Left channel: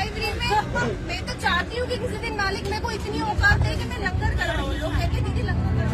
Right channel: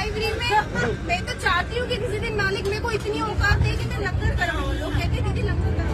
Library में मैं तो चाहती हूँ कि किसी दिन मालिक मेरे को इतनी औकात दे कि मैं लंगर कराऊँ। लोग कहते हैं दीदी लंगर